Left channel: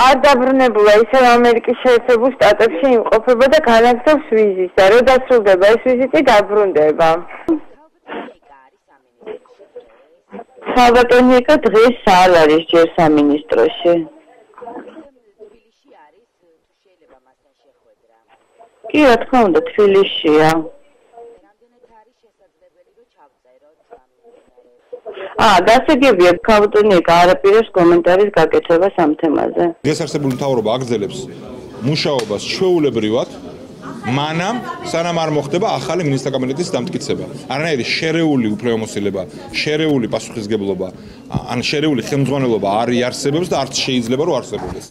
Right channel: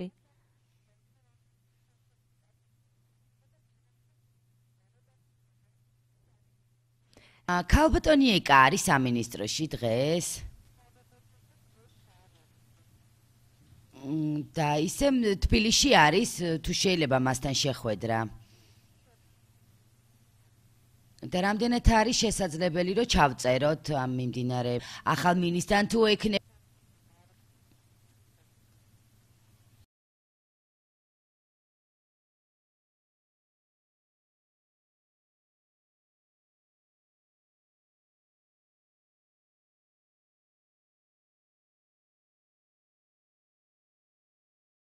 არ დაბრუნებულა ისევ ამერიკის შეერთებულ შტატებში იმყოფება და განაგრძობს ვიზის და რო დასრულდება ეს ვიზიტი დაბრუნდება. ქალბატონიეკა არის სამინისტროში დღეს? ქალბატონიეკა დღეს არ არის ჯერ სამინისტროში. და ისე თბილისში არის თუ შეიძლება მასთან შეხვედრა? კი, რა თქმა უნდა, თბილისშია. და რამდენად არის შესაძლებელი რომ ჩავწეროთ ამ მიმდინარე ახალ გასაგებია ქალბატონიეკა არაპირებს კომენტარის გაკეთებას ამ თემაზე. გასარსებული მთავრობა აგრძელებს მუშაობას ჩვეულებრივად, მანამ სანამ არ მოხდება ახალი მინისტრთა კაბინეტის დამტკიცება. არანაირი შერეული უფლებამოსილება, შერეული პასუხისგებლობა, ან შერეული ხელმძღვანელობა არ იარსებებს და არც შეიძლება რომ არსებობდეს.